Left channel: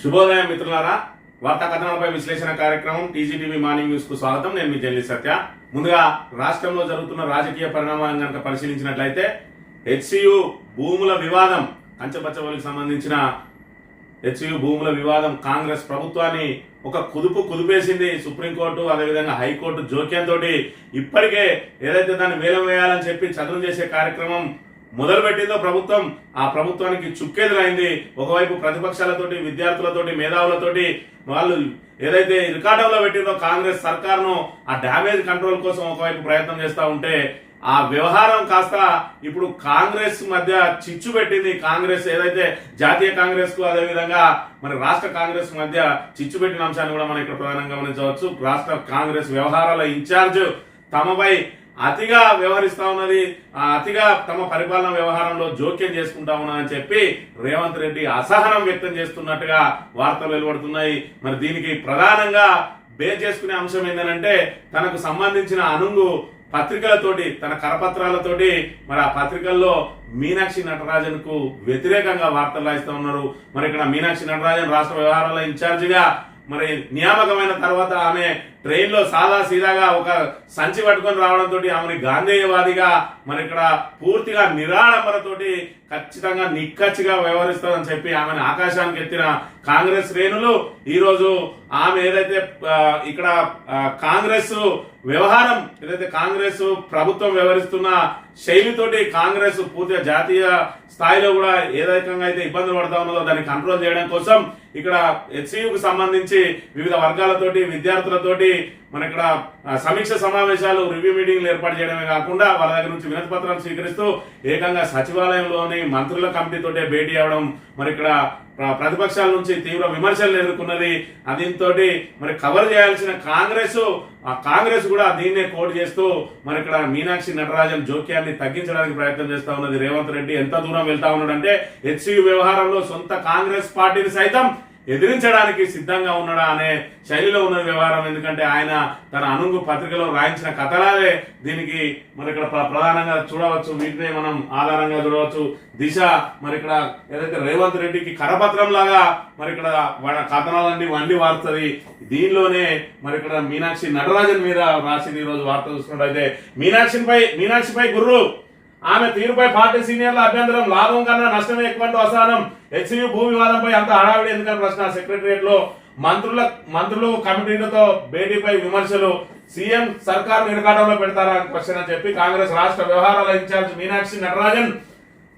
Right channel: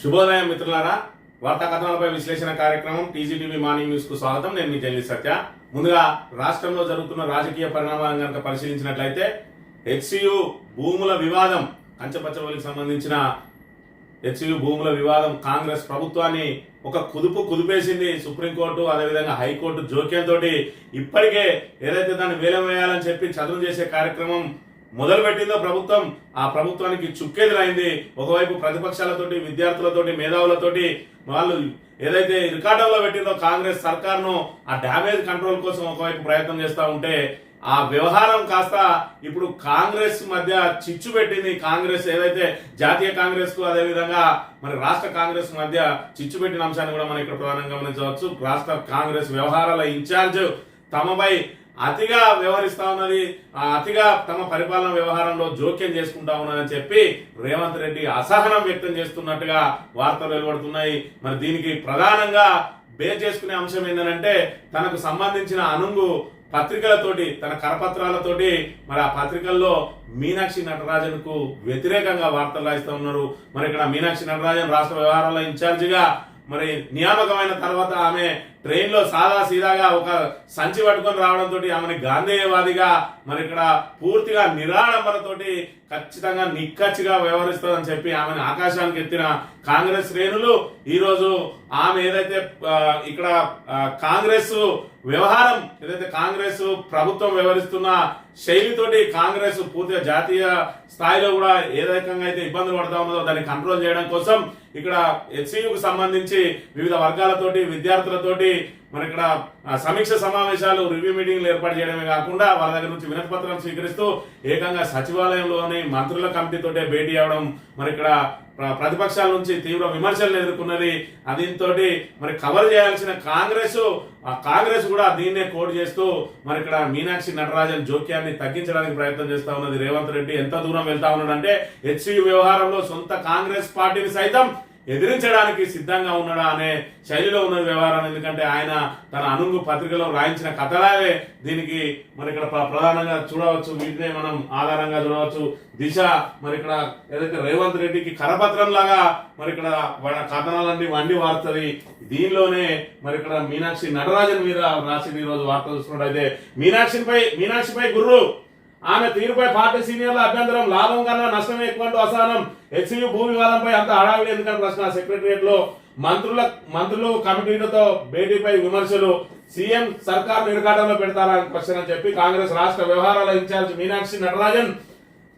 శుభోదయం మిత్రులారా వార్తా కథనాలపై విశ్లేషణ కార్యక్రమం టీజీటీవీ మార్నింగ్ న్యూస్కు స్వాగతం. నేను మీ జల్లి సత్య. ముందుగా రాష్ట్రంలో జరుగుతున్న రాజకీయ పరిణామాలను కనుక పరిశీలించినట్లయితే హెచ్సియు భూముల వివాదం కంచపచ్చవలికి సంబంధించిన హెచ్సియు భూముల వివాదం కాంగ్రెస్ ప్రభుత్వాన్ని ఒక కుదుపు కుదిపేసింది. సుప్రీంకోర్టు అదేవిధంగా హైకోర్టు జోక్యంతో ఇప్పటికే ఏదైతే దాన్ని వేలం వేయాలని చెప్పి చదువు చేసే కార్యక్రమం మొదలుపెట్టిందో ప్రభుత్వం ఆ ప్రభుత్వానికి చుక్కెదురైంది ఒకవైపు ప్రతిపక్షాలతోటి విద్యార్థులతోటి మేధావులతోటి వాళ్ళు ఏదైతే ఇరకాటంలో పెట్టిందో కాంగ్రెస్ సర్కార్ను ఆ డ్యామేజ్ కంట్రోల్ కోసం ఒకవైపు ప్రయత్నం చేస్తూ ఉంటే ఆ వ్యవహారం కాస్త ఇప్పుడు కాంగ్రెస్ మధ్య చిచ్చు పెట్టింది. కాంగ్రెస్ ఏదైతే జాతీయ కాంగ్రెస్కు అదేవిధంగా మరి రాష్ట్ర కాంగ్రెస్ మధ్య చిచ్చు పెట్టిన అంశాన్ని కూడా మనం ఇక్కడ ప్రధానంగా గమనించవచ్చు. రాష్ట్ర కాంగ్రెస్ వ్యవహారాల ఇన్ఛార్జ్ తమపై అతిగా వ్యవహరిస్తా ఉన్నది అతిగా తమ పరిపాలన వ్యవహారంలో జోక్యం చేసుకుంటా ఉన్నదని చెప్పి రేవంత్ రెడ్డి అసహనం వ్యక్తం చేస్తున్నట్టుగా వార్తలు వెలువడుతున్నాయి. మరి దీనికి ప్రధానంగా బేర్ చేసుకునే అంశం ఏంటంటే తనకు సంబంధించిన అనుంగు పత్రికలతోటి తన కరపత్రాలతోటి మరి ఆ పత్రికల్లో మీనాక్షి నటరాజన్కు వ్యతిరేకంగా వార్తలు రాయిస్తూ ఉన్నారు. మరి ఇక్కడ మీనాక్షి నటరాజన్ రాష్ట్ర వ్యవహారాల ఇన్ఛార్జిగా మరి నియామకమైన తర్వాత ఆమె ట్రైన్లో సాదా సీదాగా ఒక సంచి పట్టుకొని రావడంతో ఆమెని గాంధేయవాదిగా మరి ఇక్కడ పూర్తిగా నిరాడంబరతోటి ఖచ్చితంగా నిక్కచ్చిగా వ్యవహరిస్తుందని చెప్పి ఆమెను ఆకాశానికి ఎత్తిన కాంగ్రెస్ శ్రేణులు. ఈరోజు ఆమె ఏదైతే ఇక్కడ కాంగ్రెస్ వ్యవహారం ఏదైతే కాంగ్రెస్ ప్రభుత్వం వ్యవహరిస్తున్న శైలితోటి కాంగ్రెస్ పూర్తిగా జాతీయ స్థాయిలో కూడా ఏ రకంగా అయితే ఇబ్బందులు పడతా ఉన్నదో దాన్ని కంట్రోల్ చేయడం కోసం ఇక్కడ హెచ్సియుకు సంబంధించి వివిధ వర్గాలతోటి విద్యార్థులతోటి మన ఇక్కడ సమీక్ష సమావేశాలు రివ్యూ మీటింగ్లు ఏర్పాటు చేయడమే కాకుండా వాళ్ళ దగ్గర నుంచి వినతి పత్రాలు స్వీకరిస్తూ ఏకంగా సచివాలయంలోని మంత్రుల కమిటీతోటే భేటీ అవడం మరి ఇక్కడ ప్రతిపక్షాల నుంచి తీవ్ర విమర్శలు ఎదుర్కొన్నది దీంతో మరి కవర్ చేయాల్సిన కాంగ్రెస్ ఆ కాంగ్రెస్ కూడా దీన్నే కోట్ చేస్తూ మరి ఇక్కడ మీనాక్షి నటరాజన్ జోక్యాన్ని తగ్గించడానికి ప్రయత్నం చేస్తా ఉన్నది. రేవంత్ రెడ్డి ఎంత దూరం వెళ్తా ఉన్నాడంటే హెచ్సియు వ్యవహారంలో సొంత కాంగ్రెస్ పార్టీని సైతం ఎదిరించడానికి సిద్ధంగా ఉన్నాడా అనే శైలిలో ఉన్న వ్యవహారం. ఎందుకంటే ఆయన తన అనుంగు పత్రికలో రాయించిన కథలాలే దీనికి మరి ఇక్కడ ప్ర- ప్రధానంగా చూడవచ్చు. వీటినే మనం ఆధారంగా చూడవచ్చు. దిశ మరి ఇక్కడ ఏదైతే రేవంత్ రెడ్డికి కరపత్రం లాగా మరి ఇక్కడ కథనాలన్నీ వండి వారుతుంది. దీనిలోనే మరి ఇక్కడ మీనాక్షి నటరాజన్ మీద రాసింది ఈ రోజు వార్త చూసుకున్నట్టయితే మీనాక్షిపై మీనాక్షిపై గుర్రు. ఆమె తీరుపై పార్టీ సీనియర్ల అభ్యంతరం లాభం కన్నా నష్టమే ఎక్కువ అసహనం. హెచ్యు భూ వివాదంపై అంత హడావిడి ఎందుకని ప్రశ్న? సెక్రటరియట్లో మంత్రుల మంత్రులు కమిటీలతో భేటీపై విమర్శలు. సీఎం సర్కార్ నిరకాటంలో పెడతారా క్వశ్చన్ అని చెప్పి కాంగ్రెస్ రాష్ట్ర వ్యవహారాల ఇన్ఛార్జ్ మీనాక్షి నటరాజన్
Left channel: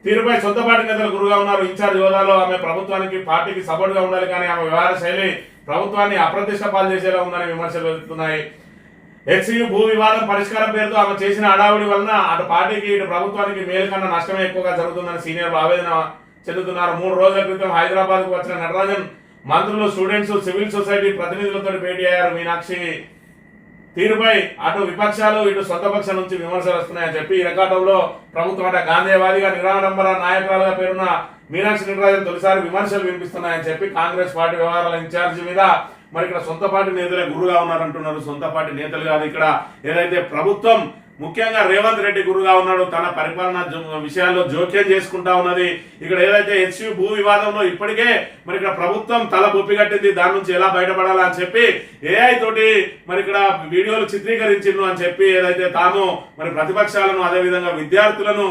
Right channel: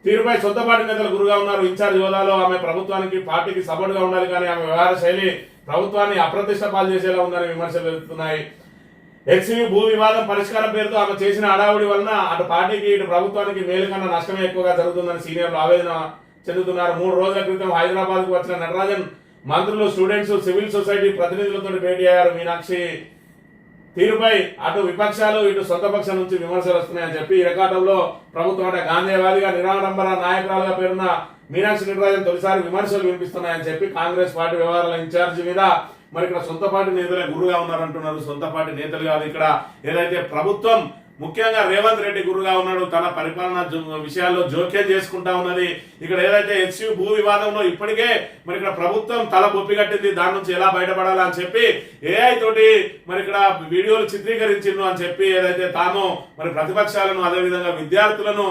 తీరుపై సొంతపాటి నేతలు గురుగా ఉన్నారు. ఇన్ఛార్జ్ హోదాలో ఆమె ప్రభుత్వానికి పార్టీకి సపోర్ట్గా ఉండాలి కానీ ఆమె వ్యవహార శైలి ప్రభుత్వాన్ని అప్రతిష్ట పాలు చేసేలా ఉందని విమర్శలు వెళ్తున్నాయి. హెచ్సియు భూ వివాదం పరిష్కారం పేరుతో ఆమె చేసిన అడావుడి వలన అటు పార్టీకి ఇటు ప్రభుత్వానికి మేలు కన్నా నష్టమే ఎక్కువగా జరుగుతుందని సీనియర్లు ఆవేదన చెందుతున్నారు. మూడు రోజుల క్రితం హైదరాబాద్కు వచ్చిన నటరాజన్ మంత్రులు స్టూడెంట్స్ సివిల్ సొసైటీ ప్రతినిధులతో భేటీ అయ్యారు. మీనాక్షి తీరుపై అటు విపక్షాలు ఇటు సొంత పక్షం నుంచి విమర్శలు వస్తున్నాయని చెప్పి ఈ రికార్డంలో ప్రభుత్వం అంటే గాంధీవాదిగా నిరాడంబర నాయకురాలుగా పేరున్న మీనాక్షి నటరాజన్ తొలిసారి విమర్శలు వినిపిస్తున్నాయని చెప్పి కాంగ్రెస్ పార్టీ వ్యవహారాల ఇన్ఛార్జి మీద మరి ఇక్కడ సొంత పార్టీ నేతలే గురుగా ఉన్నారంటున్నారు. సొంత పార్టీ నేతలు కాదు. ఇక్కడ ఏదైతే ప్రభుత్వం ముఖ్యంగా రేవంత్ రెడ్డి గురుగా ఉన్నాడు తన పరిపాలన విషయాల్లో జోక్యం చేసుకుంటా ఉన్నది. ఇక్కడ ఏదైతే హెచ్యు భూ వివాదంలో ఇప్పటికే మరి ఇక్కడ ప్రభుత్వం తల బొప్పి కట్టింది దాని నుంచి ఎలా బయటపడాలని అని చెప్పి ఏఐ తోటి మరి ఇక్కడ వీడియోలు చిత్రీకరించిండు అని చెప్పి ఏదైతే తాము మరి ప్రతిపక్షాలను అదేవిధంగా విద్యార్థులను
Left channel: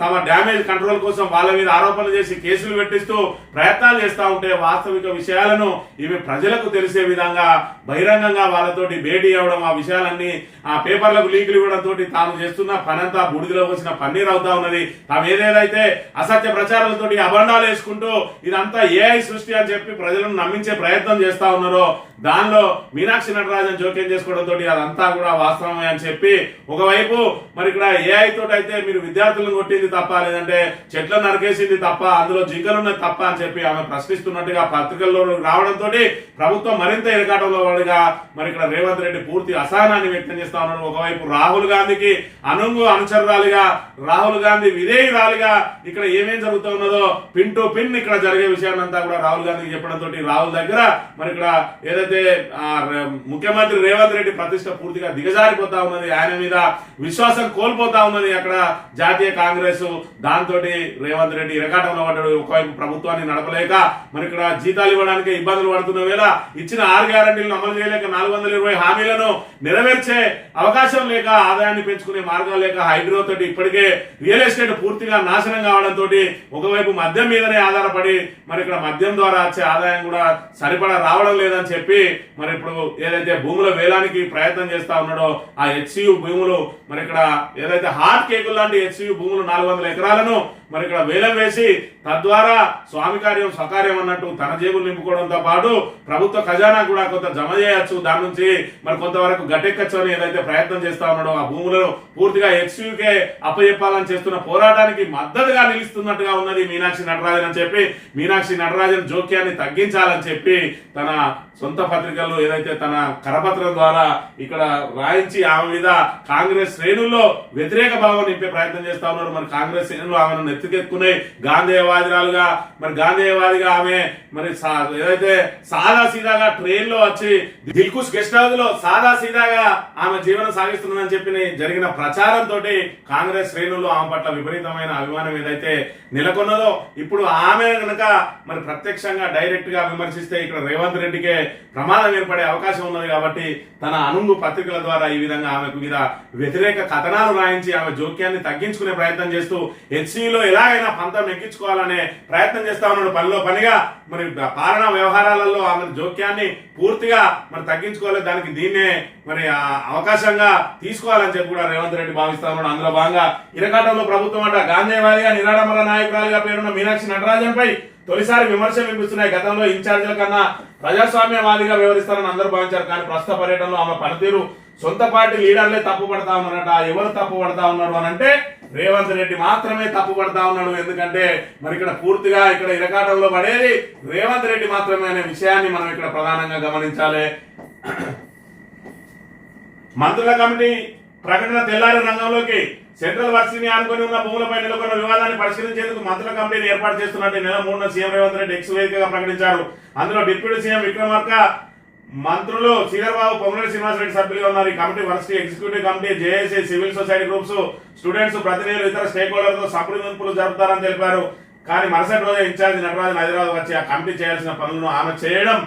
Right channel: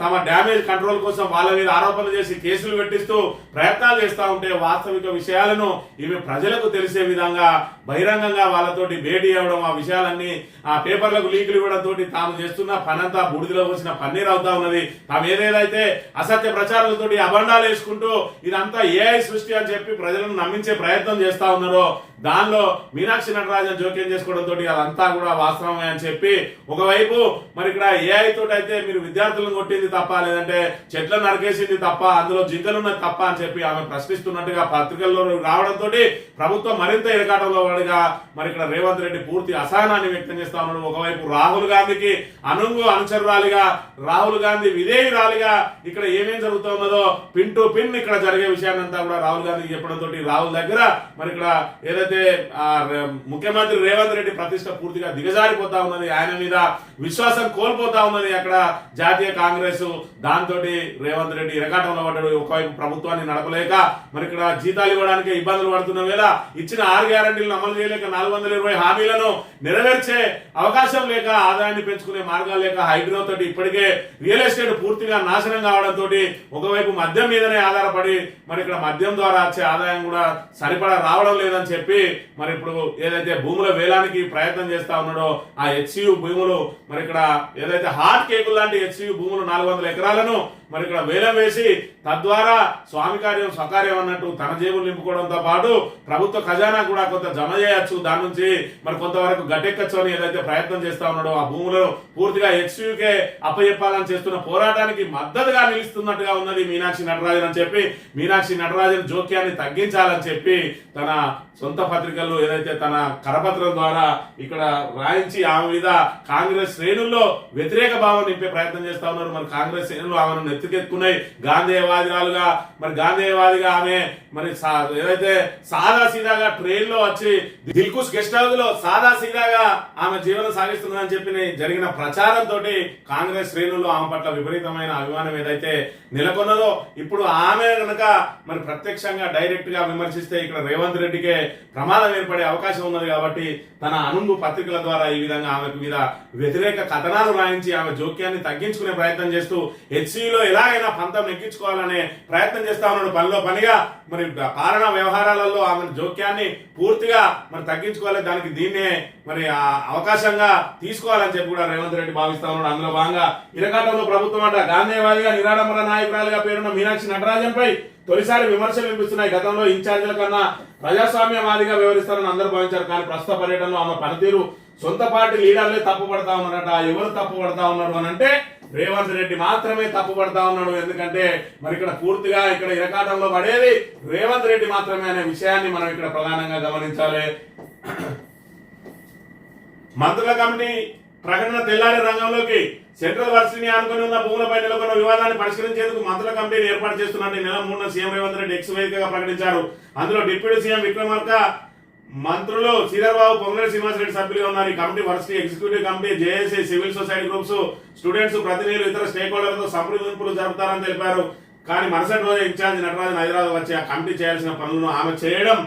తమ డ్యామేజ్ కంట్రోల్ కోసం వాళ్ళ మీద ఆరోపణలు చేసి కేసులు పెట్టిస్తూ ప్రయత్నాలు చేస్తూ ఉంటే వాస్తవిక విషయాలను ఇవి ప్రజలకు తెలిసే విధంగా బహిరంగంగా వాళ్ళతోటి భేటీ అవ్వడం ఆ విషయాలన్నీ ఆ పేపర్లకు లీకులు ఇవ్వడం తోటి తాము చేస్తున్న పనంతా బూడిదలో వచ్చిన పన్నీర్ అవుతా ఉన్నది. తాము ఏదేదైతే అసత్య ప్రచారాలతోటి అబండాలు వేసుకుంటూ ఇదంతా ఏఐ సృష్టి అని చెప్పి ప్రజలను నమ్మించే ప్రయత్నం చేస్తా ఉన్నారో దానిలో మీనాక్షి నటరాజన్ జోక్యం చేసుకోవడం తోటి అదంతా కూడా వాస్తవమే అని చెప్పి ఒకవైపు మరి ఇక్కడ ఏఐ తోటి అయితే మీరు విద్యార్థులను కొట్టింది తప్ప లేదంటే చెట్లను నరికేసింది తప్ప అందులో జింకలున్నది తప్ప అని చెప్పి ఆమె ప్రశ్నిస్తున్నట్టుగా పత్రికల్లో రావడంతో ప్రభుత్వం మరింత ఇరకాటంలో పడిగా మరి ఇక్కడ రేవంత్ రెడ్డి పూర్తి అసహనాన్ని వ్యక్తం చేస్తా ఉన్నాడు. ఒకవైపు రాహుల్ గాంధీకి అనుంగు అనుచరురాలిగా రాహుల్ గాంధీ విధేయురాలిగా ఇక్కడ ఏమేం జరుగుతూ ఉన్నదో పిన్ టు పిన్ ఇక్కడ జరిగే విషయాన్నంతా కూడా రాహుల్ గాంధీకి చెప్పడంతో రాహుల్ దగ్గర మరి ఇక్కడ ఏదైతే ఏదైతే ముఖ్యమంత్రి రేవంత్ రెడ్డి ప్రతిష్ట పూర్తిగా దిగజారిపోతా ఉన్నది ఆయన మీద విశ్వాసం కోల్పోతా ఉన్నది అక్కడ జాతీయ కాంగ్రెస్. దాంతో రేవంత్ రెడ్డి ఇరకాటంలో పడ్డాడు ఒకవైపు ప్రభుత్వాన్ని నడపలేక మరి ఇక్కడ జీతాలు ఇవ్వడానికి ఇబ్బందులు పడుతున్న వేళ ఇచ్చిన ఆరు గ్యారంటీలను అమలు చేయలేక నాలుగు వందల ఇరవై హామీలను నెరవేర్చే అవకాశం లేక ఆదాయాన్ని పెంచుకునే మార్గాలు లేక హైడ్రో తోటి ఇప్పటికే రియల్ ఎస్టేట్ పూర్తిగా నాశనం కావడంతో ఒకవైపు మద్యం మీదనే ఆధారపడి మరి ఇక్కడ మద్యం ద్వారా వచ్చే ఆదాయం కూడా సరిపడా రావడం లేదని చెప్పి మరి ఇప్పుడు ఏదైతే భూముల వేలానికి ప్రయత్నం చేస్తా ఉన్నాడో ఆ హెచ్సియు భూములు మరి ఇక్కడ ఏదైతే హార్ట్ కేకులు లాంటి హెచ్సియు భూములు నాలుగు వందల ఎకరాలను మరి ఇక్కడ వేలం వేసి తద్వారా స్వామి కార్యం స్వకార్యం అన్నట్టు తన జేబులు నింపుకోవడంతో పాటు ప్రభుత్వ ఖజానా కూడా కొంత జమ చేయొచ్చు. దాని నుంచి మరి కొంతవరకు గట్టెక్కచ్చు అని ఏదైతే ప్రయత్నం చేస్తా ఉన్నాడో ఆ భూములను పూర్తిగా ఎక్స్యూకే అప్పచెప్పాలని చేస్తున్న పోరాటానికి మద్దతుగా నిలుస్తున్నట్టుగా ఉన్నది మీనాక్షి నటరాజన్ అని చెప్పి మీనాక్షి నటరాజన్ జోక్యాన్ని తగ్గించాలని చెప్పి తన సొంత పత్రికల్లో ఏదైతే తన కరపత్రం ద్వారా ఇక్కడ రాయించి ఆమె మీద కాంగ్రెస్ శ్రేణుల్లో వ్యతిరేక భావం నింపే ప్రయత్నం చేస్తా ఉన్నారు మరి కాంగ్రెస్ శ్రేణులు ఆమెను ఎత్తుకెక్కున్నాయి. గాంధేయవాదిరాలుగా మరి గాంధేయవాదిగా ఆమె మరి ఏదైతే సాదా సీదాగా ట్రైన్లో వచ్చి దిల్కుష్ గెస్ట్ హౌస్లో సాదా సీదాగా ఆమె జీవనం సాగిస్తుందని చెప్పి జరిగిన ప్రచారంతో కాంగ్రెస్ శ్రేణుల్లో ఆమె పట్ల విపరీతమైన అభిమానం ఏదైతే నెలకొన్నదో ఇప్పుడు ఆమె కనుక మరి ప్రత్యక్షంగా డైరెక్ట్గా విమర్శిస్తే ఇక్కడ రేవంత్ రెడ్డికే ప్రమాదం ఏర్పడే అవకాశం ఉన్నది కాబట్టి తన అనుంగు పత్రికల ద్వారా ఈ విధంగా ఆమెకు మీద వ్యతిరేక కథనాలు రాయించి ఆమె జోక్యాన్ని తగ్గించుకునే ప్రయత్నం చేస్తూ హెచ్సిలో ఎలాగైనా పంతం ఎక్కించుకోవాలనే ప్రయత్నం చేస్తా ఉన్నాడు. పనిలో పనిగా మరి పాలనా వ్యవహారాలలో ఆమె జోక్యాన్ని పూర్తిగా మరి తగ్గించుకోవాలి. దానికి దీన్నే మరి అవకాశంగా తీసుకోవాలని చెప్పి కూడా రేవంత్ రెడ్డి భావిస్తా ఉన్నాడు. అందులో భాగంగా ఇరకాటంలో ప్రభుత్వం అంట గాంధీవాదిగా నిరాడంబర నాయకురాలుగా పేరున్న మీనాక్షి నటరాజన్పై తొలిసారి విమర్శలు వినిపిస్తున్నాయి. గతంలో ఇన్ఛార్జీల కన్నా ప్రజాస్వామ్యవాదిగా వ్యవహరిస్తారని అందరూ భావించారు. కానీ ప్రస్తుత పర్యటనలో ఆమె పనితీరు సొంత పార్టీ లీడర్లే తప్పుపడతా ఉన్నారట. ఎవరు తప్పుపడతా ఉన్నారు అని అంటే రేవంత్ రెడ్డి మాత్రమే తప్పుపడతా ఉన్నాడు. ఎందుకంటే మరి ఇక్కడ పూర్తిగా ఇక్కడ ఇరకాటంలో పడేది రేవంత్ రెడ్డి మాత్రమే అనే విషయాన్ని మనం ఇక్కడ ప్రధానంగా గమనించాలి. మంత్రుల కమిటీ ప్రకటన తెల్లారి రంగంలోకి సెంట్రల్ వర్సిటీని ఆనుకొని ఉన్న భూములపై నెలకొన్న వివాదాన్ని పరిష్కరించేందుకు మంత్రుల కమిటీని ఏర్పాటు చేస్తున్నట్టు నెల మూడున సీఎం రేవంత్ రెడ్డి ఎక్స్ వేదికగా ప్రకటించారు. అందులో డిప్యూటీ సీఎం విక్రమార్క మంత్రులు శ్రీధర్బాబు పొంగులేటి శ్రీనివాసరెడ్డి సభ్యులుగా ఉన్నారు. ఈ committee varsity executive committee JAC civil society groups students ప్రతినిధులు ఇతర స్టేక్ హోల్డర్తో సంప్రదింపులు జరుపుతారని తెలిపారు. కానీ మరుసటి రోజే ఇన్ఛార్జ్ నటరాజన్ హైదరాబాద్ వచ్చి ఆ కమిటీ చేయాల్సిన పనులను ఆమె చేయడం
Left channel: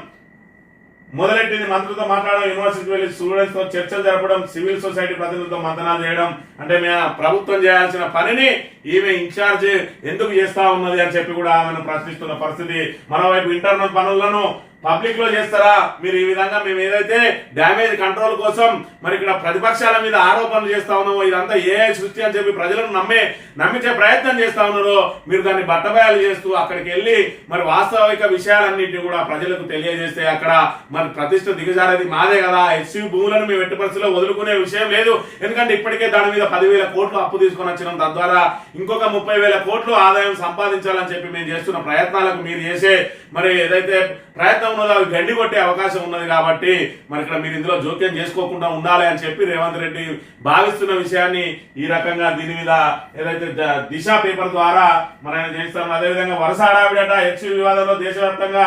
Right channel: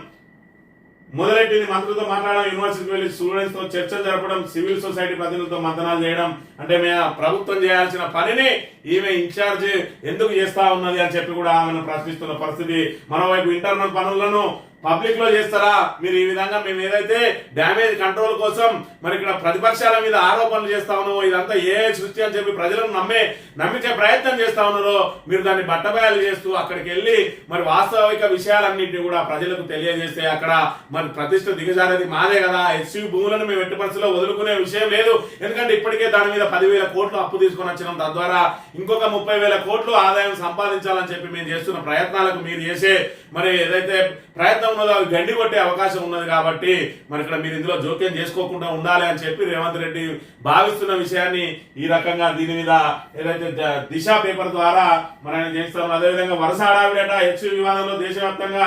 మొదలెట్టింది. మంత్రులతో మాట్లాడడం యూనివర్సిటీకి వెళ్ళి స్టూడెంట్స్తో చర్చలు జరపడం సివిల్ సొసైటీ ప్రతినిధులతో మంతనాలు చేయడం అంటే మేము ప్రభుత్వం చేయాల్సిన పనిని ఈమె ఇన్ఛార్జ్ ఎందుకు చేస్తా ఉన్నది అని చెప్పి కూడా ఆమెను ప్రశ్నిస్తున్న పరిస్థితి. మరోవైపు ఇంటర్నల్ పనులను పబ్లిక్లో చేస్తారా? మీరు ఈ విధంగా మేము ఏదైతే డ్యామేజ్ కంట్రోల్ కోసం మరి ఇక్కడ ప్రతిపక్షాల మీద ఆరోపణలు చేస్తా ఉన్నామో ఇదంతా ఏ సృష్టి అని చెప్పి ప్రజలను నమ్మే నమ్మించే ప్రయత్నం చేస్తా ఉన్నారో మీరు దాన్ని బట్టబయలు చేస్తూ అక్కడికి వెళ్ళి మరి వాస్తవిక విషయాలన్నింటినీ కూడా ప్రజలకు తెలియజేస్తే అక్కడ మరి ప్రతిష్ట దిగజారేది మాదే కదా. ఎస్యూ భూములను మేము ఎట్టి పరిస్థితిలో వదులుకునే విషయం లేదు. ఎందుకంటే ఇప్పటికే దాని మీద పదివేల కోట్లు అప్పు తీసుకొని వచ్చినాం. తద్వారా ఇంకొక ముప్పై వేల కోట్లు ఆదాయం సంపాదించాలని చెప్పి మేము చేస్తున్న ప్రయత్నాలకు మీరు చేసే మరి ఏదైతే ప్రయత్నం ఉన్నదో అవి గండి కొట్టే అవకాశం ఉన్నది కాబట్టి మరి ఇక్కడ మీరు ఇందులో జోక్యం చేసుకోకుండా ఉండాలి అని చెప్పి రేవంత్ రెడ్డి భావిస్తున్న విషయాన్ని ఈ రకంగా దీని మీద ఏదైతే దిశ పేపర్ ద్వారా మరి ఆయన చేస్తారు అదేవిధంగా వరుస హడావిడట హెచ్ వివాదంలో దేశవ్యాప్తంగా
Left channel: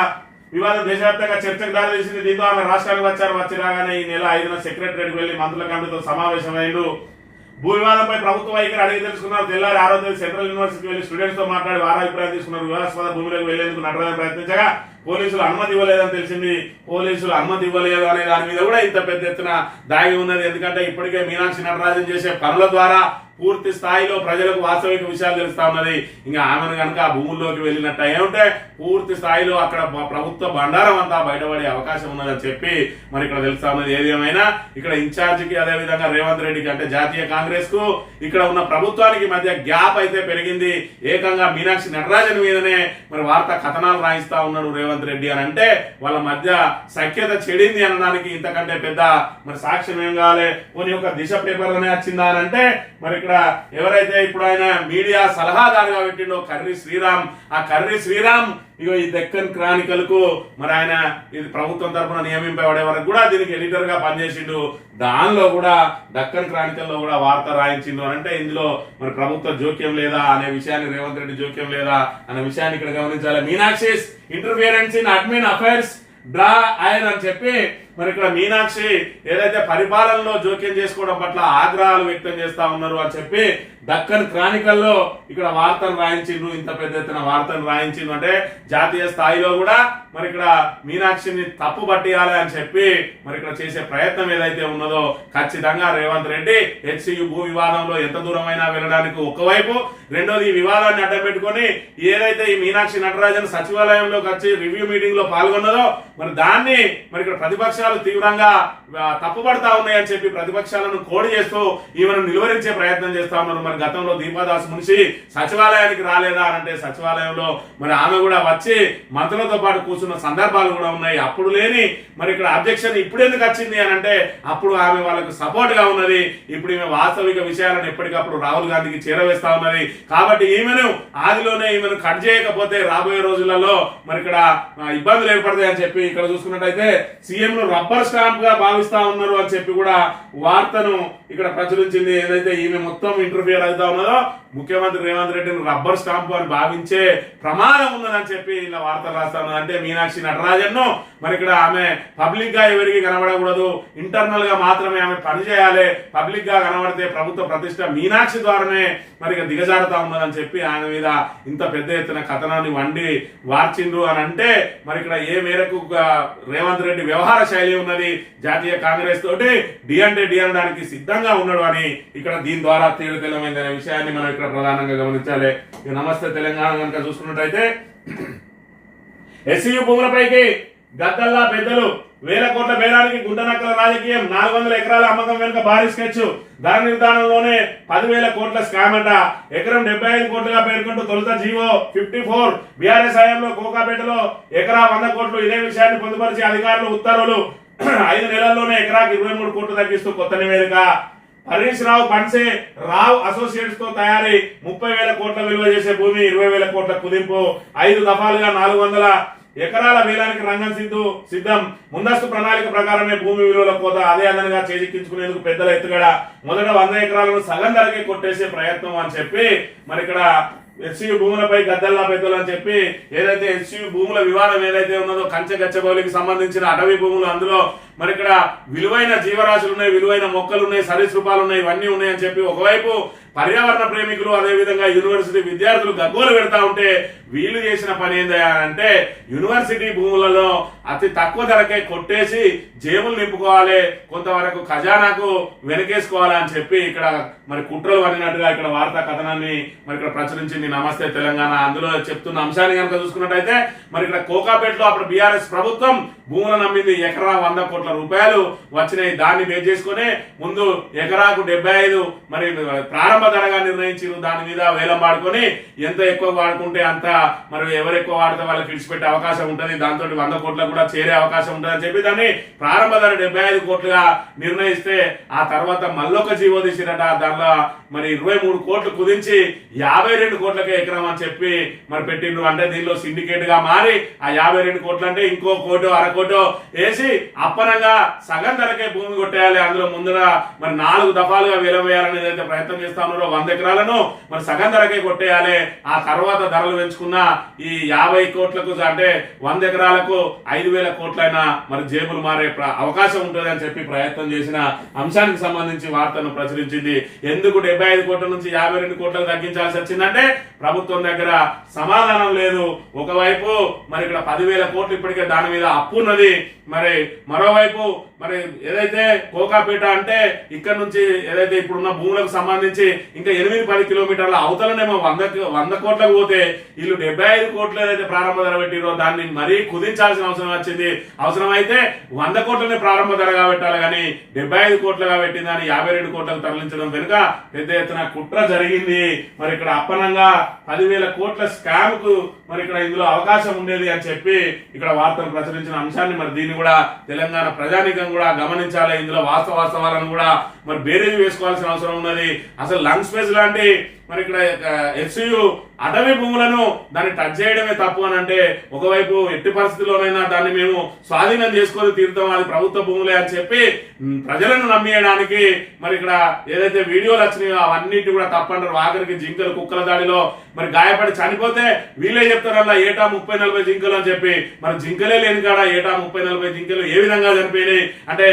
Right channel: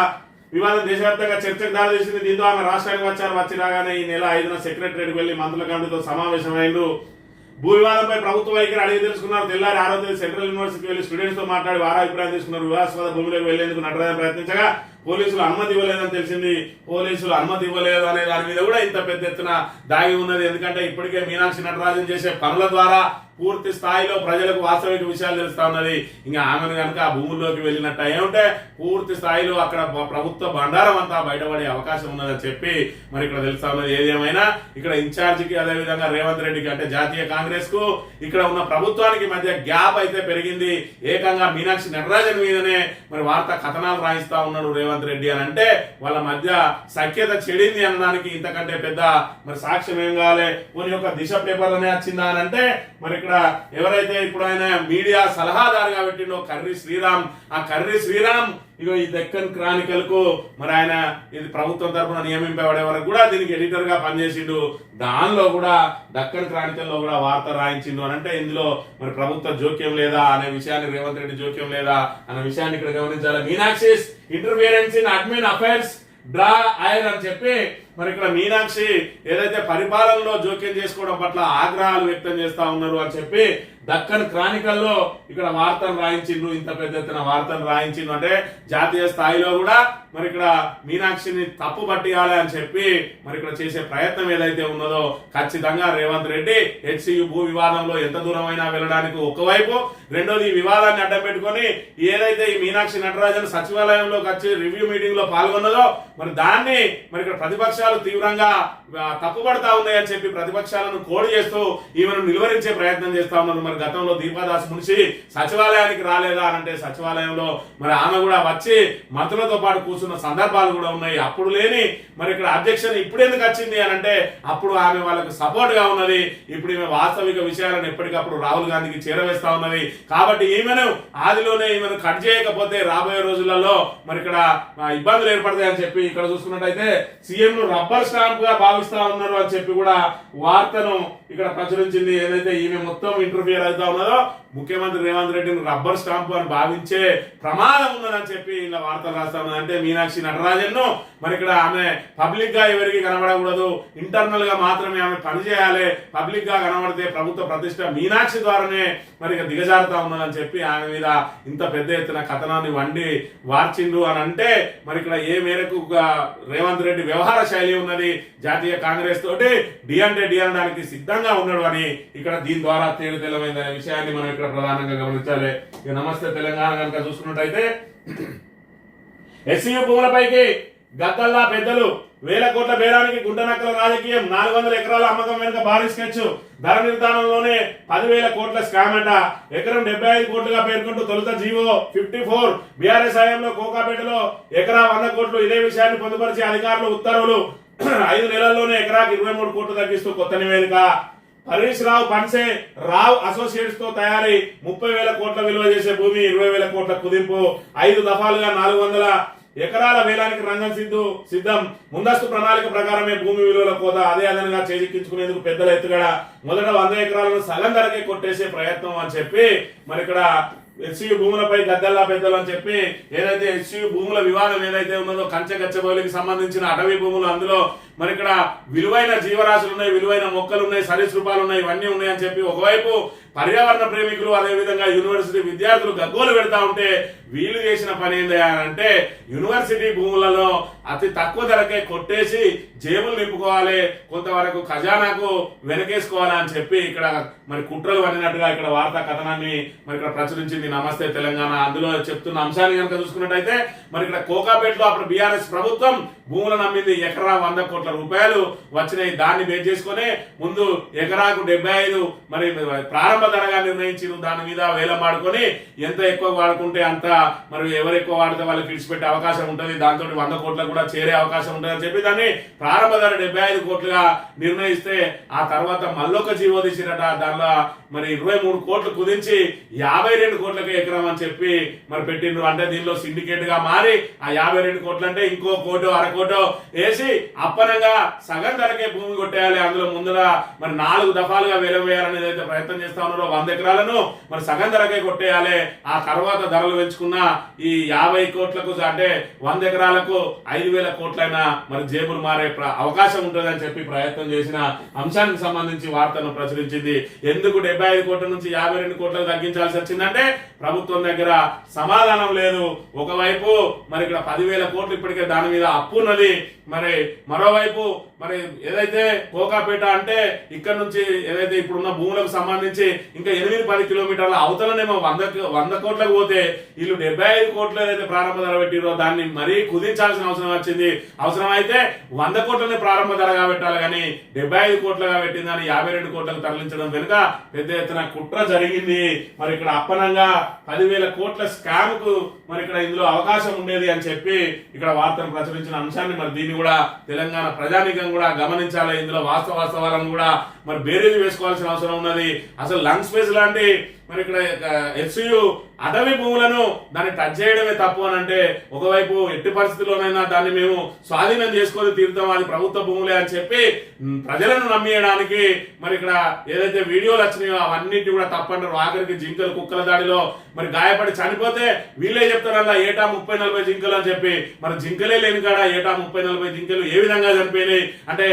వివాదం దేశవ్యాప్తంగా చర్చకు దారితీసింది దీంతో ఆమె రాష్ట్రానికి వచ్చారు. వచ్చి రాగానే ఈ నెల ఐదున సెక్రటరీకి వెళ్ళి మంత్రుల కమిటీతో సమావేశమైండు. భూ వివాదంపై ప్రభుత్వ వైఖరి అడిగి తెలుసుకున్నారు. తెల్లారి ఆరో తేదీ సెంట్రల్ యూనివర్సిటీకి వెళ్ళి స్టూడెంట్స్తో మాట్లాడి వారా అభిప్రాయం తీసుకున్నారు. వివాదాస్పద భూమిలోకి వెళ్ళేందుకు నటరాజన్ ప్రయత్నించగా పోలీసులు అనుమతి ఇవ్వలేదని తెలిసింది. పోలీసులు అనుమతి ఇవ్వలేదు అనే దాని మీద కూడా ఇంత పెద్ద ఎత్తున దాగి ఉన్నది. ఎందుకంటే ఇప్పటికే మీనాక్షి నటరాజన్ చేసే పనుల ద్వారా పూర్తి స్థాయిలో ప్రజలకు వాస్తవిక విషయాలు తెలుస్తా ఉన్నది. ఇంకా ఆమెను కనుక ఆ భూముల్లోకి వెళ్ళినట్టు ఏమంటే పూర్తి స్థాయిలో అక్కడ ప్రభుత్వ బండారం అంతా బయటపడే అవకాశం ఉన్నదని చెప్పి మరి ఇక్కడ తెలుస్తా ఉన్నది. ఏది ఏమైనా ఇక్కడ ఇన్ఛార్జికి అదే విధంగా రేవంత్ రెడ్డికి అంటే జాతీయ కాంగ్రెస్కు ఇక్కడ ఉన్న ప్రభుత్వానికి మధ్య గ్యాప్ అయితే పెరిగింది. ఏకంగా మీనాక్షి నటరాజన్ మీదనే మరి వార్త కథనాలు రాయిస్తా ఉన్నాడు రేవంత్ రెడ్డి అని అంటే వాళ్ళ మధ్య సఖ్యత చెడింది అనడానికి ఇంతకంటే పెద్ద మరి సాక్ష్యం ఏం కావాలి కొన్ని యొక్క దిశ పేపర్ అనే వచ్చిందా అని అంటే మరి ఇక్కడ ఎవరైతే ఇప్పుడు ఆయన మీడియా సలహాదారుగా పెట్టిండో కర్రీ శ్రీరామ్ ఆ కర్రీ శ్రీరామ్ ఇగో ఈ దక్కన్ క్రానికల్కు మరి ఆయన ఇది ప్రభుత్వం తరపున నియమింపబడే వరకు కూడా దీనికి ఎడిటర్గా పనిచేసిండు. దానిలో కూడా దక్కన్ క్రానికల్లో కూడా వార్త రాయించిండు అని అంటే ఇందులో మరి ప్రభుత్వ జోక్యం లేదా అనే విషయాన్ని రేవంత్ రెడ్డి జోక్యం లేదా అనే విషయాన్ని ఇక్కడ గమనించాలి. Meenakshi's interference in admin affairs draw ఆయన అని చెప్పి మరి ఇక్కడ మీనాక్షి ఏదైతే పరిపాలనలో జోక్యం చేసుకోవడం పట్ల ఆగ్రహాలు వ్యక్తం చేస్తా ఉన్నారు అని చెప్పి దక్కన్ క్రానికల్లో ఇక్కడ వార్తను రాయించిండ్రు. ఇంత పెద్ద ఎత్తున వార్తను రాయించిండ్రు. అంటే జాతీయ స్థాయిలో కూడా మరి ఇక్కడ మీనాక్షిని తప్పు పట్టియాలి అని చెప్పి మరి ఇక్కడ చేసే ప్రయత్నం ఏదైతే ఉన్నదో ఖచ్చితంగా రేవంత్ రెడ్డి హెచ్సియు భూ వివాదంలో ఎంత దూరమైనా వెళ్ళడానికి ఒకవైపు రెండోది ఈ వివాదాన్ని అడ్డం పెట్టుకొని ఏదైతే ఈ మీనాక్షి నటరాజన్ సచివాలయంలోకి వచ్చి రివ్యూ మీటింగ్లో పాల్గొన్నదో మరి దాన్ని మరి ఇక్కడ ప్రతిపక్షాలు తీవ్రంగా తప్పుపడతా ఉన్నాయని చెప్పి ప్రతిపక్షాలను కోడి చేస్తూ ఈమెను నిలువరించే ప్రయత్నం చేస్తా ఉన్నారు. మరి గతంలో దీపాదాస్ మునిషి సచివాలయానికి రాలేదా అని అంటే సచివాలయంలో మరి ఆమె కూడా వచ్చి మంత్రులతో పాటు కూర్చున్న సందర్భాలు కూడా ఉన్నాయి. అప్పుడు లేని మరి ఇక్కడ అబ్జెక్షన్ ఇప్పుడు ఎందుకు వచ్చింది అని అంటే అప్పుడు ఆమె వాళ్ళకు సపోర్ట్గా ఉన్నది. ఇప్పుడు ఈమె వాస్తవిక విషయాలను ఎప్పటికప్పుడు రాహుల్ గాంధీకి చేరవేస్తా ఉన్నది. కాబట్టి ఈమెను ఆదిలోనే ఈమెను కట్ చేయకపోతే రాబోయే రోజులలో మరి ఇక్కడ ఇబ్బందులు ఏర్పడతాయని చెప్పి ఇక్కడ చూసుకున్నట్టయితే సీఎంను రబ్బర్ స్టాంప్గా భావిస్తా ఉన్నారు అని చెప్పి కూడా వార్తను ఇక్కడ ప్రచురించింది ఏదైతే ఈమె మొత్తం ఇంటర్ఫియర్ అవుతా ఉన్నదో ముఖ్యమంత్రి రేవంత్ రెడ్డిని రబ్బర్ స్టాంప్ అని భావించే ప్రమాదం ఉన్నదని చెప్పి ఇలా వార్తలు రాస్తా అంటే మీనాక్షి నటరాజన్ను మరి ఇక్కడ ఆమె పబ్లిక్గా ఎవరికి కనబడకూడదు. ఇంటర్నల్గా మాత్రమే ఆమె పనిచేయాలి పబ్లిక్గా కనబడితే ప్రభుత్వ ప్రతిష్ట మీనాక్షి ద్వారానే మరి ఇక దిగజారుతా ఉన్నదని చెప్పి ఆమె మీద ఇంత పెద్ద ఎత్తున కథనాన్ని వండి వార్చిండ్రు అని అంటే మరి ఇక్కడ ఏ మేరకు రేవంత్ రెడ్డి వ్యవహార శైలి ఉన్నది జాతీయ కాంగ్రెస్ తోటి? డి అంటే డి అనడానికి సిద్ధంగా ఉన్నాడు అని ఇక్కడ దీని ద్వారా తేలితెలమైందనే విషయాన్ని మనం ఇక్కడ ప్రధానంగా గమనించాలి. ఇక నమస్తే తెలంగాణ కనుక చూసుకున్నట్టయితే ఎస్సీ భూములపైకి గద్దల్లా పెద్దలు వేల కోట్ల బేరానికి గుండనక్కల రాజకీయం నాలుగు వందల ఎకరాల అమ్మకం వెనుక భారీ స్కెచ్ ధర నిర్ధారణలోనే పదివేల కోట్ల స్కామ్ అంట. ఎకరం డెబ్బై ఐదు కోట్లుగా పేర్కొంటూ తొలుత జీవో ఫిఫ్టీ ఫోర్. బీఆర్ఎస్ హయాంలో కోకాపేటలో ఎకరా వంద కోట్లు ఇదే విషయాన్ని పొందుపరిచి అధికారులు ఉత్తర్వులు ఐదు నెలల్లోనే ఎకరాకి ఇరవై మూడు కోట్లు తగ్గిస్తూ కొత్త నివేదిక. హరీష్ రావు పన్సే రావు అసోసియేట్స్తో తయారీ ముప్పై వేల కోట్ల విలువ చేసే భూమి ఇరవై వేల కోట్ల కుదింపు. ఐదు దఫాలుగా నాలుగు వందల ఎకరాల వేలానికి రంగం సిద్ధు సిద్ధం. ముందస్తు ప్రణాళిక ప్రకారమే భూమి విలువల కోత అదే అదనంగా చేజిక్కించుకునేందుకు పెద్దల ఎత్తుగడ. మొదట వంద ఎకరాలను సగం ధరకే కొట్టేసే ప్రయత్నం అని చెప్పి మరి ఇక్కడ హెచ్సియు భూములపై గద్దల్లా పెద్దలు అని చెప్పి ఏదైతే హెచ్సియు భూముల వివాదం ఏదైతే ఉన్నదో కంచె గచ్చబౌలికి సంబంధించిన అటవీ భూములు అందులో మరి ఇక్కడ విలువైన జీవరాశులు ఉన్నాయి విలువైన మొక్కలు ఉన్నాయి సరీసృపాలు ఉన్నాయి ఇవన్నీ ఉన్నాయని చెప్పి ఒకవైపు పర్యావరణ ప్రేమికులు అదే విధంగా యూనివర్సిటీ విద్యార్థులు గగ్గోలు పెడతా ఉంటే వీళ్ళు చేసిన పని ఏందయ్యా అంటే యూనివర్సిటీ భూములలో అతి తక్కువ ధరకే కొట్టేసి జేబులు నింపుకోవాలి కొంతవరకు ఖజానాకు వెనకేసుకోవాలి అని చెప్పి ఇక్కడ మరి కుట్రలు పడినట్టుగా ఇక్కడ వార్తా కథనాన్ని మరి ఇక్కడ ప్రచురించింది నమస్తే తెలంగాణ. అందులో చెప్తున్న అంశాన్ని కనుక చూసుకున్నట్టయితే మరి ఇక్కడ కోకాపేటలో అప్పుడు బీఆర్ఎస్ ప్రభుత్వం భూములను నమ్మింది ఎకరా వంద కోట్ల రూపాయలు. వచ్చినాయి దాన్ని బేస్ చేసుకొని ముందు ఎకరాకు డెబ్బై ఐదు మరి ప్రారంభ ధరగా నిర్ణయించారు దాని మీద వేలం వాడుకొని ఎంత ఎక్కువ వాడుకుంటే అంత మరి ఎవరు ఎక్కువ వాడితే వాళ్ళకి విడిచిపెట్టే అవకాశం ఉంటుంది. దాంతో వంద కోట్లకు కూడా చేరే అవకాశం ఉంటుంది అని చెప్పి దాన్ని ప్రారంభ ధర డెబ్బై ఐదు కోట్లుగా నిర్ణయిస్తే ఆ తర్వాత మళ్ళొక జీవో తీసిరట. దానిలో మరి ఇరవై మూడు కోట్లు కుదించి యాభై రెండు కోట్లకే ఎకరం అని చెప్పి మరి పెట్టిండ్రు. అంటే దీనిలో సిండికేట్గా మారి ఆ యాభై రెండు కోట్లు అంటే ఇంకో కోటో అరకోటో వేసి అప్పనంగా సగం ధరకే భూమి కొట్టేయాలి. అందులో ముందర మరి నాలుగు దఫాలుగా వేలవేయాలని ఏదైతే ప్రయత్నం చేస్తా ఉన్నారో వంద ఎకరాలను మరి సగం ధరకే కొట్టేయాలి. ఆ తర్వాత ధరలు పెంచుకున్న ఈ యాభై కోట్లకు అంటే వంద ఎకరాలకు ఐదు వేల కోట్లైనా మరి జేబులు మారే అవకాశం ఉంటుంది అని చెప్పి ప్రయత్నం చేసిన అంశానికి సంబంధించి వార్తను ప్రచురించింది. ఎందుకు డెబ్బై ఐదు కోట్ల నుంచి యాభై రెండు కోట్లకు తగ్గించాల్సి వచ్చిందంటే ప్రభుత్వం దగ్గర సమాధానం లేదు. ఒకవైపు మరి ఇక్కడ పదివేల కోట్లు ఇప్పటికే దాని మీద అప్పు ఉన్నది. మరి మరోవైపు మరి ఏదైతే కోకాపేట అంటే ఇక్కడ నుంచి ఏదైతే ఇప్పుడున్న భూములకు సంబంధించి ఇంకా ఎనిమిది పది కిలోమీటర్ల అవతలనేమో వంద వంద కోట్లకు పోతే వీళ్ళు డెబ్బై ఐదు కోట్లు ఏదైతే ప్రారంభ ధర పెట్టిరో దాన్ని మరీ కుదించాల్సిన అవసరం వచ్చింది. అవసరమైతే వంద కోట్లని ప్రారంభ ధరగా పెట్టాలి కానీ డెబ్బై ఐదు కోట్లుగా పెట్టిందని యాభై రెండు కోట్లకు తరలించడం వెనుక పెద్ద ఎత్తున కుట్ర జరిగింది. మరి ఇక్కడ అప్పనంగా పదివేల కోట్ల స్కామ్కు మరి ఇక్కడ ఇందులో అవకాశం ఉండేది అని చెప్పి ఇక్కడ వార్తను ప్రచురించిన అంశాన్ని మరి దీన్ని కూడా తెలంగాణ ప్రజానీకం కూడా గమనించాలి. ఇందులో వాస్తవ వాస్తవాలను కూడా మరి బేరేజ్ వేసుకోవాల్సిన అవసరం ఉన్నది. అసలు లంగ్ స్పేస్ లాంటి మరి ఇక్కడ హెచ్సియు అటవీ భూములను దాన్ని టచ్ చేయడమే తప్పు అని అంటే ఒకవైపు ఎట్టి పరిస్థితుల్లోనైనా దాన్ని మేము స్వాధీనం చేసుకొని తీరుతాం అది ప్రభుత్వ భూములే అని చెప్పి ప్రజలను నమ్మియడానికి మరి ఇక్కడ ఏదైతే వీడియోలు వచ్చినాయో అవన్నిటి కూడా తప్పంటారు. ఆఖరికి జింకలు కుక్కల దాడిలో మరి గాయపడి చనిపోతే వీళ్ళే చెప్తారల్లా ఏటా ముప్పై నలభై జింకలు అని చెప్పి. మరి జింకలే లేని కాడ ఏటా ముప్పై నలభై జింకలు ఏ విధంగా చనిపోయినాయి? అంటే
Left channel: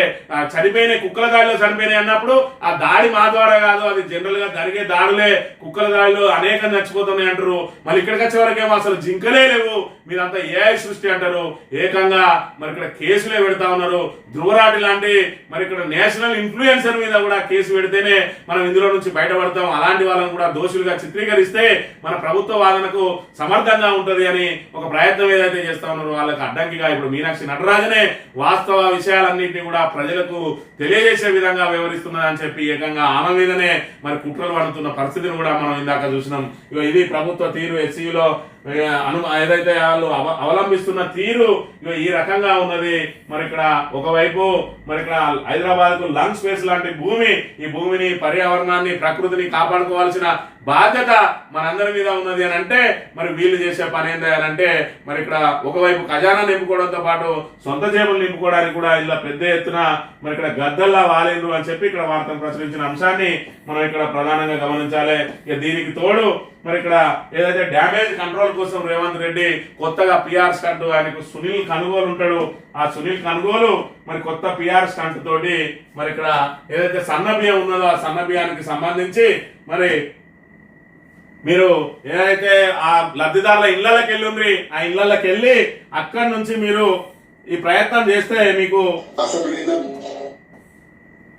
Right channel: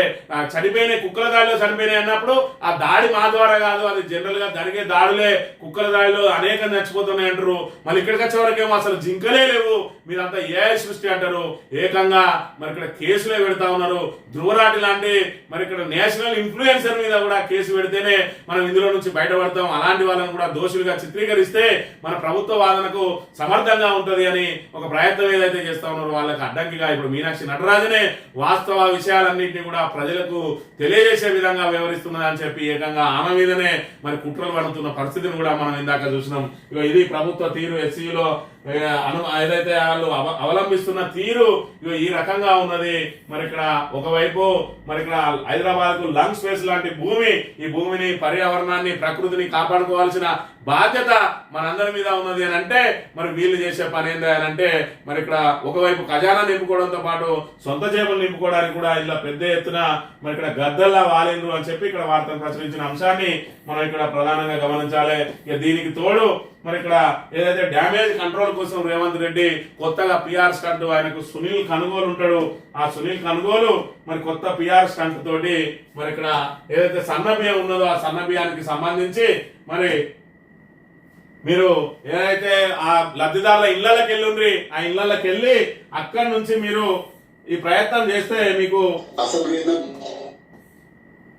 చనిపోయినాయి కుక్కల దాడిలో చనిపోయినాయి అన్నప్పుడు ఆ దాడి మా ద్వారా కాదు అది జనరల్గా జరిగే దాడులే కుక్కల దాడిలో అనేకం చచ్చిపోతున్నాయి అంటారు. మళ్ళీ ఇక్కడికి వచ్చే వరకేమో అసలు జింకలే లేవు. మీరంతా ఏ సృష్టి అంటారు. ఏకంగా మరి ఇక్కడ కేసులే పెడతా ఉన్నారు. ధ్రువరాటి లాంటి మరి ఇక్కడ నేషనల్ ఇన్ఫ్లుయెన్సర్ మీద కూడా కేసు పెడితేనే మనం ఇందులో నుంచి బయటపడతాం. అలాంటి వాళ్ళని కూడా దోషులుగా చిత్రీకరిస్తే మన ప్రభుత్వ వాదనకు సమర్థంగా ఉంటది అని ఒక ప్రయత్నం ఏదైతే చేస్తా ఉన్నారో వాళ్ళకి అడ్డంకిగా ఇప్పుడు మీనాక్షి నటరాజనే వాస్తవ విషయాలన్నింటినీ కూడా ప్రజలకు తెలియజేసే విధంగా వ్యవహరిస్తున్నది చెప్పి ఏకంగా ఆమె మీదనే మరి కుట్రలు పడుతున్న పరిస్థితిని కూడా మనం ఇందాక చూసినాం. ఇగో ఇది ప్రభుత్వ తీరు ఎస్సీలో అను ఏదైతే వాళ్ళు అవ- అవలంబిస్తున్న తీరు ఇగో ఈ రకంగా ఉన్నది మరి ఇక్కడ ఒకవైపు మరి ఇక్కడ హైదరాబాద్కు లంగ్ స్పేస్ లాంటి భూమి ఈ భూమిని పర్యావరణాన్ని ప్రకృతిని కాపాడుకోవాల్సిన బాధ్యత మనందరి మీద ఉన్నది అని అంటే మరి వీళ్ళు చేసే పని ఏంటి అని అంటే మరి ఇక్కడ ఒకవైపు ఖజానా నింపుకోవడంతో పాటు సొంత జేబులు నింపుకోవడానికి కూడా ఇలా పెద్ద ఎత్తున మరి ఇక్కడ గద్దల్లా వాలిండ్రు అని చెప్పి ఇక్కడ వార్తను ప్రచురించిన అంశాన్ని మనం ఇక్కడ ప్రధానంగా గమనించాలి. ఇక దీనికి తోడు మరి ఇక్కడ ఏదైతే డ్యామేజ్ కంట్రోల్ కోసం రేవంత్ రెడ్డి కొత్తగా పిఆర్ స్టంట్ ఆయనకు సునీల్ కనుగోలు ఉంటాడు ఆ సునీల్ కనుగోలు మరి కొత్త పిఆర్ స్టంట్ తోటి మరి ఇక్కడ ఏదైతే సన్న బియ్యం ఉన్నదో ఆ సన్నబియ్యానికి సంబంధించి మరి మీరు ఏదైతే ఆ లబ్ధిదారుల ఇళ్ళకి వెళ్ళుండ్రి ఆ ఇళ్ళకి వెళ్ళి అక్కడి నుంచి మీరు ఈ ప్రయత్నం చేస్తే మీకు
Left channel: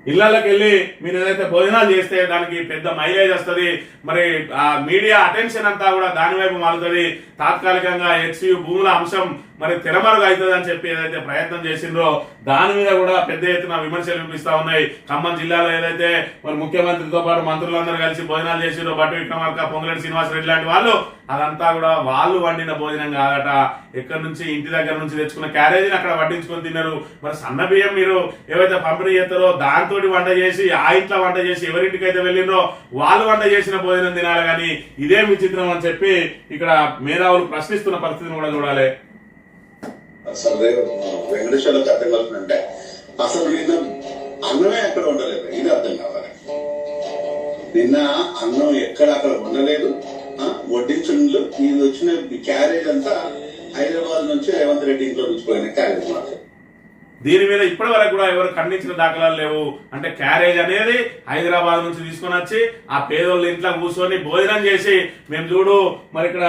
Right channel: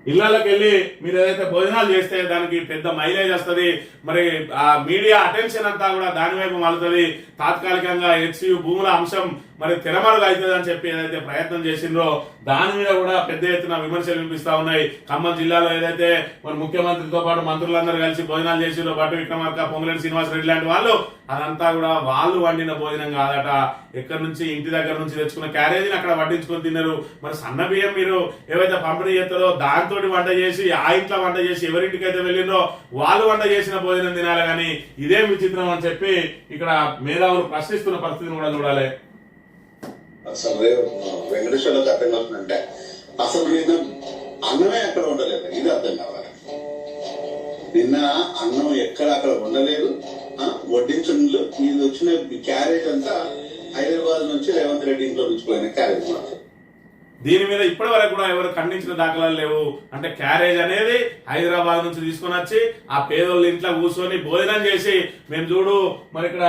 ఇళ్ళలోకి వెళ్ళి మీరు ఏదైతే భోజనాలు చేస్తే దానికి పెద్ద మైలేజ్ వస్తుంది. మరి ఆ మీడియా అటెన్షన్ అంతా కూడా దానివైపు మారుతుంది. తాత్కాలికంగా హెచ్సియు భూముల అంశం మరి తెరమరుగు అవుతుంది అని చెప్పి ఏదైతే ప్రయత్నం చేసిండ్రో దాని మీద కూడా పెద్ద ఎత్తున విమర్శలు వినిపిస్తా ఉన్నాయి. ఖమ్మం జిల్లాలో ఏదైతే మరి ముఖ్యమంత్రితో పాటు మంత్రులందరూ కలిసి భోజనాలు చేసిండ్రో బట్టి విక్రమార్క పొంగులేటి శ్రీనివాసరెడ్డి లాంటి వాళ్ళు అదంతా కూడా వాళ్ళు వండిన భోజనం కాదట. ఎక్కడి నుంచి? ఇంటి దగ్గర నుంచి తెచ్చుకున్న క్యారేజీని అక్కడ వడ్డించుకొని తిన్నారు. మరి సన్న బియ్యం మీరు ఏవైతే పంపిణీ చేస్తారో దాంతో వంట చేసి ఆ ఇంట్లో వంట చేసి ఎవరింటికి అయితే వెళ్ళిండ్రో వాళ్ళు వంట చేసిన భోజనం తినాలి. కానీ ఇదే విచిత్రం అని చెప్పి ఇక్కడ మేధావులు ప్రశ్నిస్తున్న పరిస్థితిని కూడా చూడాలి. అసలు వెంకటేశ్వర్లకు అర్థం కలుగుతుందంటే అసలు నిన్న అన్నమే ఎక్కడ ఉండలేదు ఇది అర్థం కావాలి. నిన్న అన్నం ఎక్కడ అక్కడ ఉండలేదు వడ్డించుండ్లు ఇది వచ్చిన క్యారేజ్ అంతా హైదరాబాద్ నుంచి రేవంత్ రెడ్డి ఇంట్లో నుంచి పోయిన క్యారేజ్ మాత్రం దీని మీద ఇప్పటి వరకు కూడా ఎవరు ఖండించిన దాఖలాలు లేవు. అంటే క్యారేజ్ అనేది హైదరాబాద్ నుంచి తీసుకొని వచ్చి ఆ పేదోళ్ళ ఇంట్లో కూర్చొని భోజనం చేసి మేము చూడు మరి ఇక్కడ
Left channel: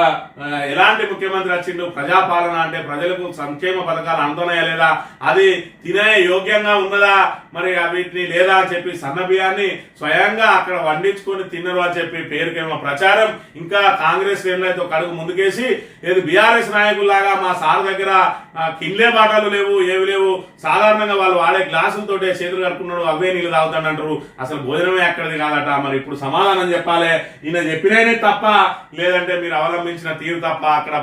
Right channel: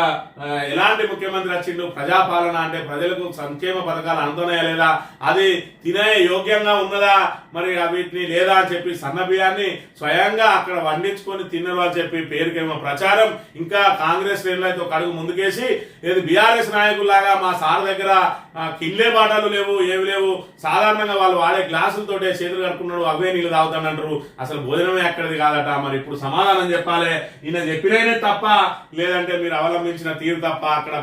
ఎలాంటి ముఖ్యమంత్రి వచ్చిండు? ప్రజాపాలన అంటే ప్రజలకు సంక్షేమ పథకాలు అందుతున్నాయా లేదా? అది తినే యోగ్యంగా ఉన్నదా? మరి వీటిని లేదా అని చెప్పి సన్నబియాన్ని స్వయంగా అక్కడ వండించుకొని తిన్నరు అని చెప్పి పేరుకేమో ప్రచారం. ఇంకా కాంగ్రెస్ శ్రేణులు అయితే ఒక అడుగు ముందుకేసి ఏది బీఆర్ఎస్ నాయకుల్లాగా మా సార్ దగ్గర ఆ, కిన్లే బాటలు లేవు ఏవి లేవు. సాధారణంగా వాళ్ళు వాడే గ్లాసులతో చేతులు కడుకున్నాడు అవే నీళ్ళు తాగుతాడంటారు. అసలు భోజనమే అక్కడిది కాదట. మరి ఇప్పుడు సమాధానం చెప్పాలి. ఈయన చెప్పిననే తప్ప లేదంటే మీరు అవలంబించిన తీరు తప్ప అక్కడ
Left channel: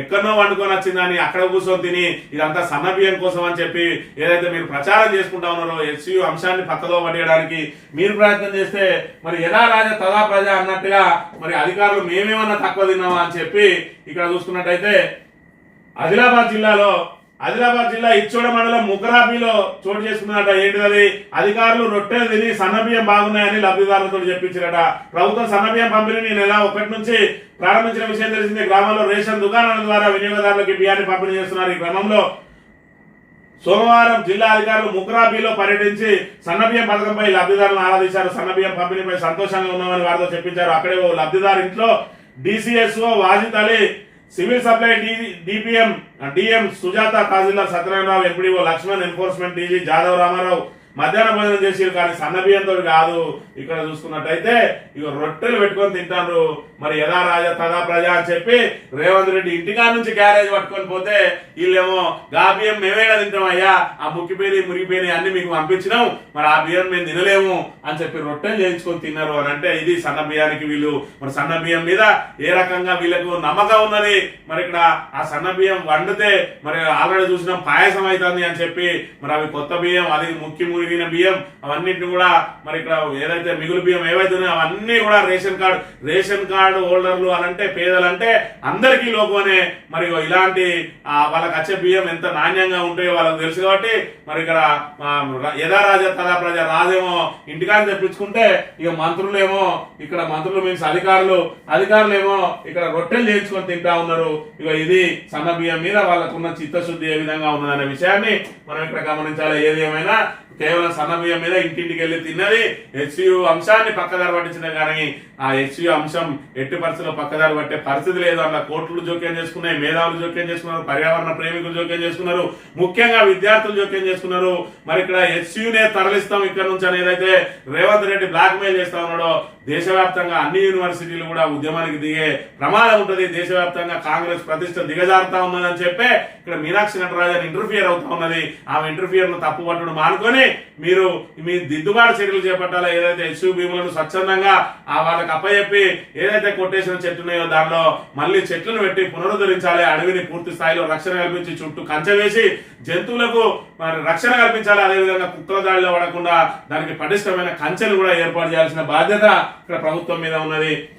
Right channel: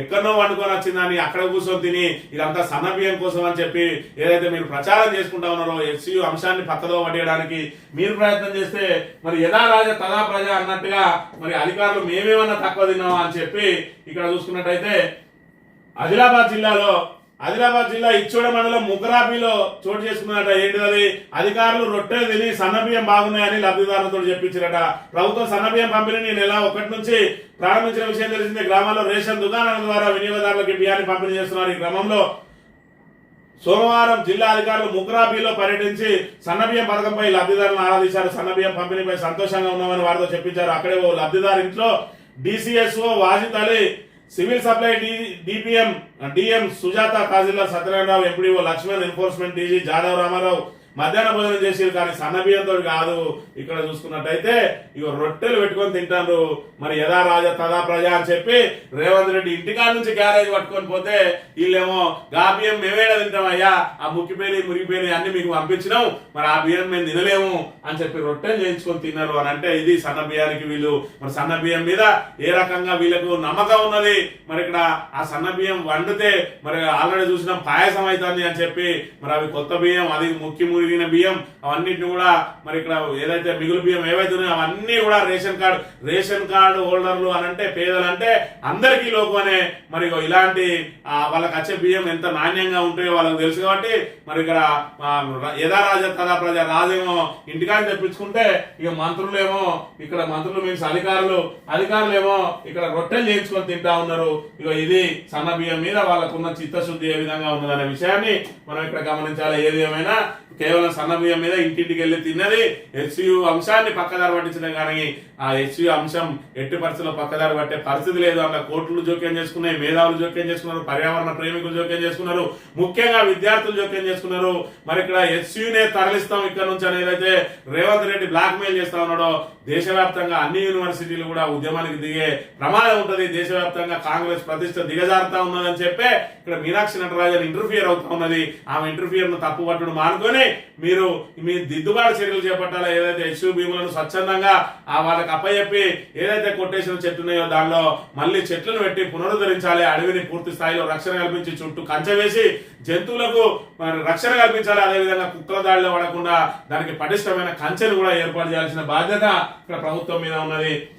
ఎక్కడో ఎక్కడనో వండుకొని వచ్చిందని అక్కడ కూర్చొని తిని ఇదంతా సన్నబియ్యం కోసం అని చెప్పి ఏదైతే మీరు ప్రచారం చేసుకుంటా ఉన్నారో ఎస్సీయూ అంశాన్ని పక్కదో పట్టేయడానికి మీరు ప్రయత్నం చేస్తే మరి ఎలా రాజ తదా ప్రజ అన్నట్టుగా మరి అధికారులు మేమేమన్నా తక్కువ తిన్నామా అని చెప్పి ఇక్కడ చూసుకున్నట్టయితే ఆదిలాబాద్ జిల్లాలో ఆదిలాబాద్ జిల్లా ఇచ్చోడ మండలం ముగ్గురాపిలో చోటు చేసుకున్నట ఏంటిది అధికారులు రొట్టెలు తిని సన్నబియ్యం బాగున్నాయని లబ్ధిదారులతో చెప్పించారట. ప్రభుత్వం సన్నబియ్యం పంపిణీని నెల ఒకటి నుంచి ప్రారంభించిన విషయం తెలిసిందే. గ్రామాల్లో రేషన్ దుకాణాల ద్వారా వినియోగదారులకు బియ్యాన్ని పంపిణీ చేస్తున్నారు ఈ క్రమంలో. సోమవారం జిల్లా అధికారులు ముగ్గురాబీలో పర్యటించి సన్నబియ్యం పథకంపై లబ్ధిదారులను ఆరాధించారు. సన్నబియ్యం పంపిణీపై సంతోషంగా ఉన్నామని వారితో చెప్పించారు. అక్కడే ఓ లబ్ధిదారు ఇంట్లో DCSO Wajid Ali civil supply DPM DM Sujatha తహసీల్దార్ Satyanarayana Rao MPDO Laxman enforcement DG Jadhav Rama Rao మధ్యాహ్న భోజనం చేసిరు కానీ సన్న బియ్యంతో కాదు. ఇక్కడ చూసుకున్నట్టయితే ఇక రొట్టెలు పెట్టుకొని తింటారు మరి యథా రాజ తదా ప్రజ అని చెప్పి రేవంత్ రెడ్డి ఇంటికాడ నుంచి క్యారేజ్ పట్టుకొని పోతే వీళ్ళేమో ఆ బియ్యం మేమేడా తింటామయ్యా ఆ ముక్కిపోయి మురిగిపోయి అన్ని మీకు పంపించినాం. మరి ఆ బియ్యం మేము తినలేము అని చెప్పి రొట్టెలు చేయించుకొని తిన్నారు అని అంటే ఇది సన్న బియ్యానికి వీళ్ళు మరి సన్న బియ్యం మీద ఏ రకంగా వీళ్ళకు నమ్మకం ఉన్నది? మరి ఇక్కడ ఆ సన్న బియ్యం వండితే మరి ఆల్రెడీ చూసినాం పాయసం అవుతుంది అని చెప్పి. మరి అవి కొత్త బియ్యం అది ముక్కి మురిగి మిగిలిన బియ్యం అవన్నిటిని కూడా మరి ఇక్కడ ఏదైతే మిగులు బియ్యం ఏవైతే ఉన్నాయో అవన్నీ కూడా రేషన్ కార్డు రేషన్ కార్డు హోల్డర్లు అని అంటే పేదలంటే అందరికీ లోకమనే మరి ఇలాంటి వాళ్ళకి వచ్చే బియ్యం ఎంత నాణ్యంగా ఉంటాయో వాళ్ళకి తెలుసు కాబట్టి మరి ఇక్కడ ఆ, యథా రాజా తదా ప్రజ రాజేమో ఇంటికాడ తెప్పించుకుంటే ఇక మంత్రులేమో ఇక్కడ మంత్రులు మీన్స్ అధికారులు అధికారులేమో ఇక్కడ రొట్టెలు చేయించుకొని తింటా ఉన్నారు. ఇక ఇది సన్న బియ్యం మీద వాళ్ళకున్న చిత్తశుద్ధి ఏ విధంగా ఉన్నదనే విషయాన్ని మనం ఇక్కడ గమనించాలి. ఏది ఏమైనా కేవలం సన్న బియ్యం మీద ఇంటింటికి వెళ్ళి తిన్నది హెచ్యు అంశాన్ని పక్కదారి పట్టించిన కానీ ఆ హెచ్యు అంశం ఎట్టి పరిస్థితుల్లో పక్కదారి పట్టే పరిస్థితి లేదు. అట్లా కోర్టులు జోక్యం చేసుకున్నాయి మేధావులు జోక్యం చేసుకున్నారు పర్యావరణ ప్రేమికులు జోక్యం చేసుకున్నారు ముఖ్యంగా విద్యార్థులు జోక్యం చేసుకున్నారు. మరి ఇక్కడ హెచ్యునే తరలిస్తాం ఇక్కడ నుంచి అని ఏదైతే రేవంత్ రెడ్డి బ్లాక్ మెయిల్ చేస్తా ఉన్నాడో దేశవ్యాప్తంగా అన్ని యూనివర్సిటీలు కూడా ఉద్యమానికి దిగే ప్రమాదం ఉంటుంది. దేశవ్యాప్తంగా కాంగ్రెస్ ప్రతిష్ట దిగజారుతా ఉన్నదని చెప్పే ఇక్కడ మీనాక్షి నటరాజన్ ఇంటర్ఫియర్ అవుతా ఉన్నది. ఆమె ఇంటర్ఫియర్ను తప్పు పట్టుడు మానుకొని మీరు మీ దిద్దుబాటు చర్యలు చేపట్టాలో? ఏదైతే ఎస్యూ భీములను స్వచ్ఛందంగా ఆ వాళ్ళకి అప్పచెప్పి ఏదైతే కొట్టేసిన చెట్టు ఉన్నాయో దానిలో మళ్ళీ చెట్లను పెట్టి పునరుద్ధరించాలి అడవిని పూర్తి స్థాయిలో రక్షణ కల్పించి చుట్టూ కంచె వేసి జంతువులకు రక్షణ కల్పించాలి. అదేవిధంగా కుక్కల దాడిలో పడకుండా దానికి పటిష్టమైన కంచెను కూడా ఏర్పాటు చేయాల్సిన బాధ్యత ఇక్కడ ప్రభుత్వం మీద ఉన్నది.